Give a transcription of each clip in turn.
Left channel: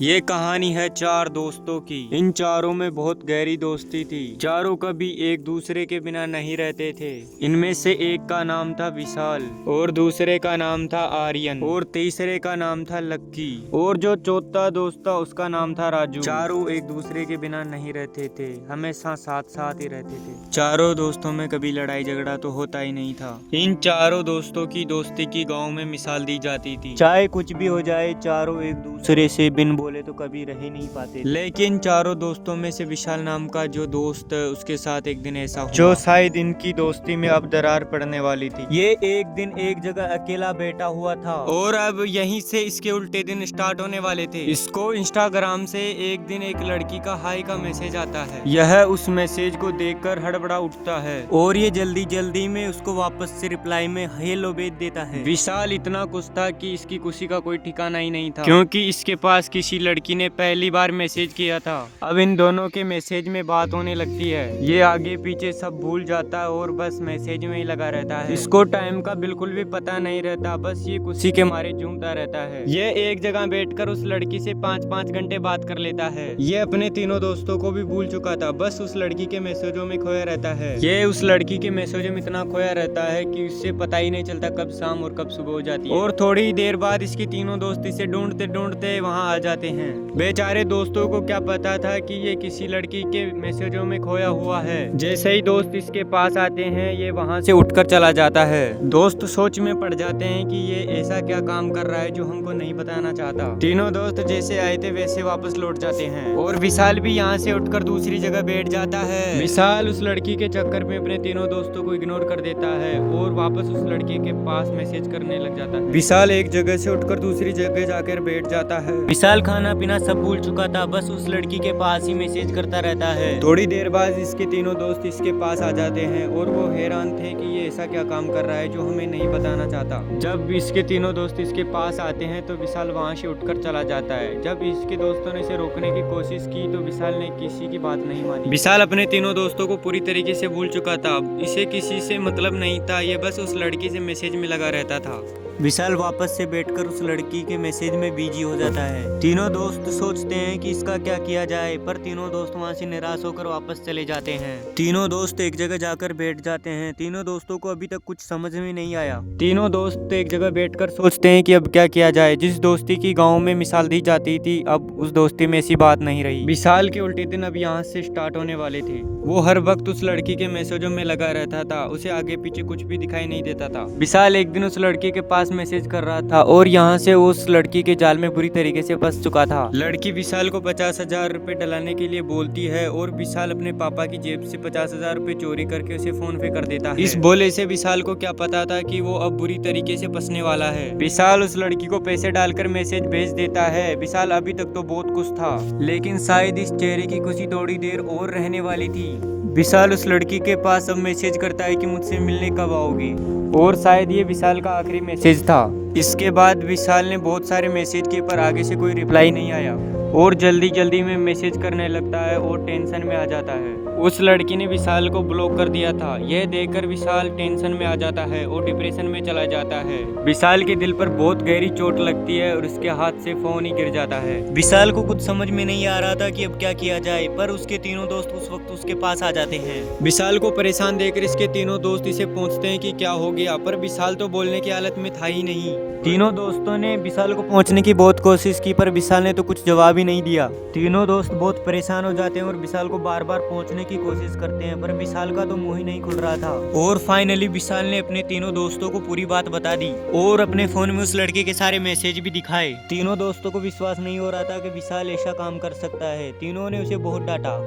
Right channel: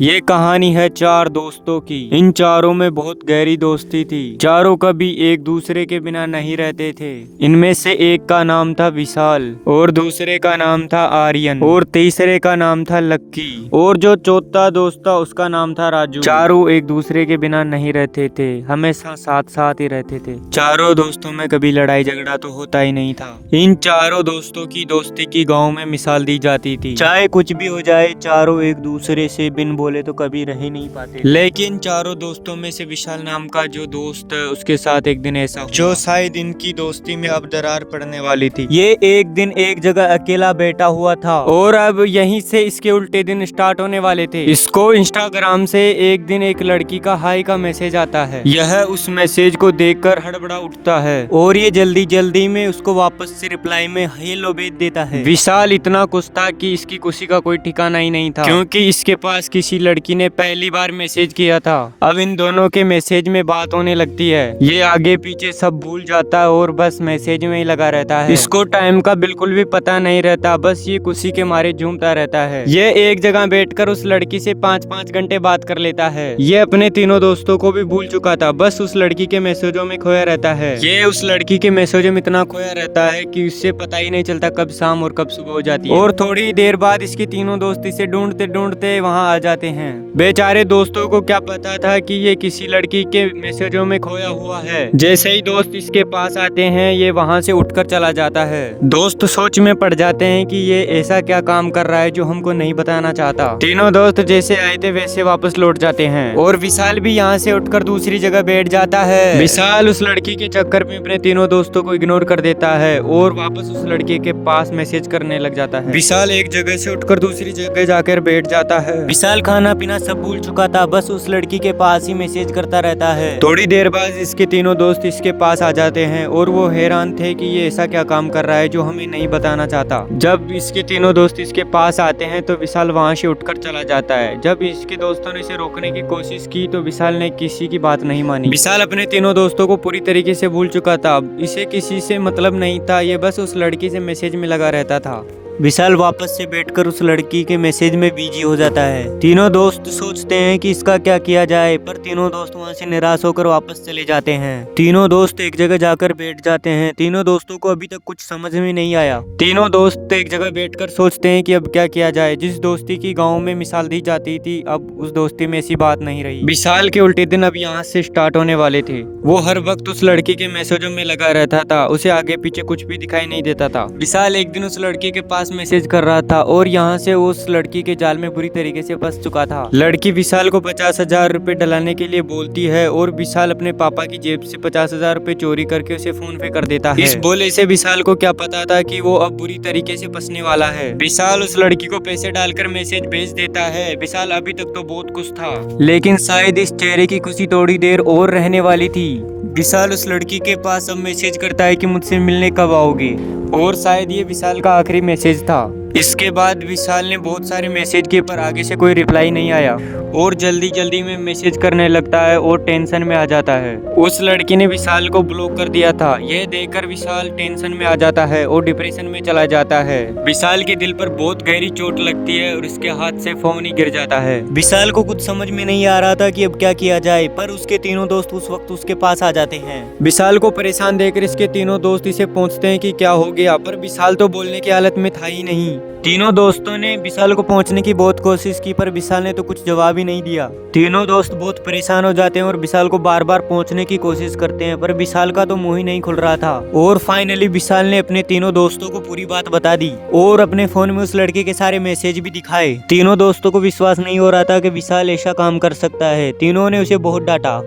ये कहानी है चार दोस्तों की। इन चारों में बहुत गहरी दोस्ती थी। चारों कभी एक दूसरे के बिना नहीं रहते थे। इनमें से एक का नाम था विशाल और दूसरे का नाम था आर्यन और तीसरे का नाम था लक्की और जो चौथा दोस्त था उसका नाम था राजू। चारों एक दूसरे के बिना नहीं रहते थे, हमेशा साथ साथ ही रहते थे। चारों दोस्तों में कभी लड़ाई झगड़ा तो होता ही नहीं था। इन चारों दोस्तों की दोस्ती की गाँव में मिसाल दी जाती थी। चाहे कुछ भी हो जाए, चारों एक दूसरे से बिन बोले तो कभी रह ही नहीं पाते। लेकिन चारों दोस्तों में से विशाल नाम का जो दोस्त है उसके साथ एक दिन ऐसा हुआ जो शायद इनकी दोस्ती में अब दरार पड़ने वाली थी। ये एक दिन एक जगह अकेला बैठा हुआ था और अब यहीं से इसके उल्टे दिन स्टार्ट होने वाले थे। इसको इंस्टाग्राम से एक दिन एक लड़की का हाई का मैसेज आता है। यह उस मैसेज को देखकर हड़बड़ा उठता है और ये जल्दी जल्दी में उसको वापस से रिप्लाई में हेलो भेज देता है। विशाल इतना खुश था कि इसकी खुशी का कोई ठिकाना ही नहीं था, क्योंकि इसके पास किसी लड़की ने पहली बार मैसेज किया था। अब इन दोनों के मैसेज में बात होने लगती है। ये आगे पीछे सब भूल जाता है और बस मैसेज में ही लगा रहता है। इसको टाइम का बिल्कुल भी पता नहीं रहता, बस ये खुशी के मारे झूमता रहता है। ये एक जगह बैठकर उस लड़की से 5-5 घंटे बात कर लेता है। ये अपने तीनों दोस्तों को भी भूल चुका था, बस उस लड़की के मैसेजों में खोया रहता है। ये उस लड़की के मैसेजों में इतना खोया रहता है कि उससे पता ही नहीं चलता कब शाम और कब सुबह हो जाती है। और थोड़ी देर बाद इसके तीनों दोस्त इसे ढूंढते ढूंढते वहाँ आ जाते हैं। बेचारे दोस्तों को क्या पता था कि ये किसी लड़की के मैसेजों में खोया हुआ है। जैसे ही दोस्त इसके पास आते हैं, ये वहाँ से उठकर चला जाता है। दोस्त सोच में पड़ जाते हैं कि ये ऐसा क्या काम कर रहा है जो हमको नहीं बताना चाहता। तीनों दोस्त जैसे आए थे वैसे वापस लौट जाते हैं और विशाल भी यहाँ से उठकर दूसरी जगह बैठ जाता है। विशाल उस लड़की के चक्कर में अपने तीनों दोस्तों को इग्नोर कर देता है और वापस उस लड़के के पास मैसेज करने लग जाता है। विशाल एक जगह से उठकर दूसरी जगह जाकर बैठ जाता है। विशाल खाना पीना सब भूल चुका था, बस उस लड़की के पास ही मैसेज करता रहता है। थोड़ी देर बाद इसके तीनों दोस्त इसके पास आ जाते हैं और वो हैरान थे कि ये ऐसा क्या काम कर रहा है जो हमें नहीं बताना चाहता। जब इसके तीनों दोस्त इसके पास आते हैं तो विशाल वहाँ से उठकर चला जाता है। जब इसके दोस्तों ने इसे रोकने की कोशिश की तो विशाल ने किसी की बात नहीं मानी। विशाल अपने तीनों दोस्तों को पूरी तरीके से भूल चुका था। इसे किसी से मतलब नहीं था, ये बस उस लड़की से मैसेज में लगा रहता था। विशाल वापस से बैठकर उस लड़की के मैसेज में बिजी हो जाता है। तीनों दोस्त सोचते हैं कि इसका क्या किया जाए, पर तीनों दोस्त वहां से निराश होकर वापस चले जाते हैं। तीनों दोस्त एक जगह जाकर बैठ जाते हैं। तीनों दोस्तों को अभी तक कुछ समझ में नहीं आया। तीनों दोस्त एक जगह बैठकर सोचते हैं कि अब क्या किया जाए। जिस दोस्ती की गाँव में मिसाल दी जाती थी, अब उस दोस्ती में ऐसी बात नहीं रही। विशाल के उल्टे दिन अब यहाँ से स्टार्ट होने वाले थे। वो हर वक्त उस लड़की के मैसेजों में लगा रहता था, उसे आगे पीछे कुछ भी दिखाई नहीं देता था। विशाल एक दिन उस लड़की के पास मैसेज कर रहा था और यहाँ से उस लड़की के जाल में बुरी तरीके से फंस चुका था। लड़की विशाल को 50,000 रुपए डलाने के लिए बोलती है और विशाल अपने पापा की जेब से 50,000 रुपए चोरी करके उसे फोन पे कर देता है। इस बोले से विशाल को क्या पता था कि वो अब बुरी तरीके से फंसने वाला है। विशाल उस लड़की को पैसे डालकर मैसेज भेज देता है। विशाल अभी तक तो बहुत खुश था, लेकिन शायद इस चेहरे की खुशी थोड़ी देर और रहने वाली थी। विशाल उस लड़की के पास अब मैसेज करता है कि मुझसे मिलने कब आओगे, और शायद ये विशाल का आखिरी मैसेज था। इसके बाद विशाल ने बहुत सारे मैसेज किए पर आगे से कोई रिप्लाई नहीं आया और जल्दी जल्दी में मैसेज करने लगता है और टेंशन में आ जाता है। उस लड़की ने विशाल को ब्लॉक कर दिया था। यह देखकर विशाल टेंशन में आ जाता है और डिप्रेशन में चला जाता है। विशाल के दिल पर बहुत गहरी चोट लगती है और उसके हाथ से फोन ही गिर जाता है। विशाल को कुछ समझ में नहीं आ रहा था कि अब क्या किया जाए, पर उसके तीनों दोस्त उस वक्त उसके पास आ जाते हैं। विशाल को परेशान देखकर इसके तीनों दोस्त इसे पूछते हैं कि क्या हो गया, पर विशाल तो बोलने की हालत में था ही नहीं। तीनों दोस्तों ने विशाल को पहुंचने की बहुत कोशिश की, पर विशाल ने तो कुछ जवाब ही नहीं दिया। तीनों दोस्त बहुत परेशान हो जाते हैं और विशाल को बार बार पहुंचने की कोशिश करते हैं, पर विशाल का तो मुंह ही नहीं खुल रहा था। और फाइनली विशाल ने अपने तीनों दोस्तों को पूरी बात बता दी और अपने फोन में उस लड़के के सारे मैसेज भी दिखाए। तीनों दोस्तों को विश्वास नहीं हो रहा था कि विशाल ऐसा काम कर सकता है। तीनों ने उसे बहुत डांटा।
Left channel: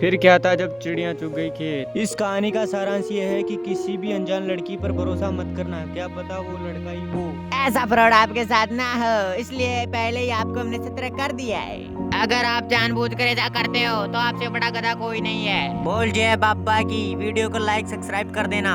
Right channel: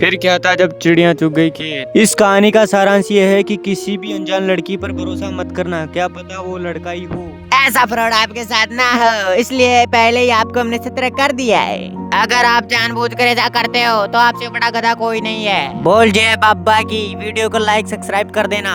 फिर क्या था जब चिड़िया चुग गई खेत। इस कहानी का सारांश ये है कि किसी भी अनजान लड़की पर भरोसा मत करना, क्या पता वो लड़का ही हो। ऐसा फ्रॉड आपके साथ ना हो, इसलिए पहले ही आपको हमने सतर्क कर दिया है। अगर आप जानबूझकर ऐसा करते हो तो आपसे बड़ा गधा कोई नहीं है। बोल जय बाबा की। वीडियो को लाइक सब्सक्राइब कर देना।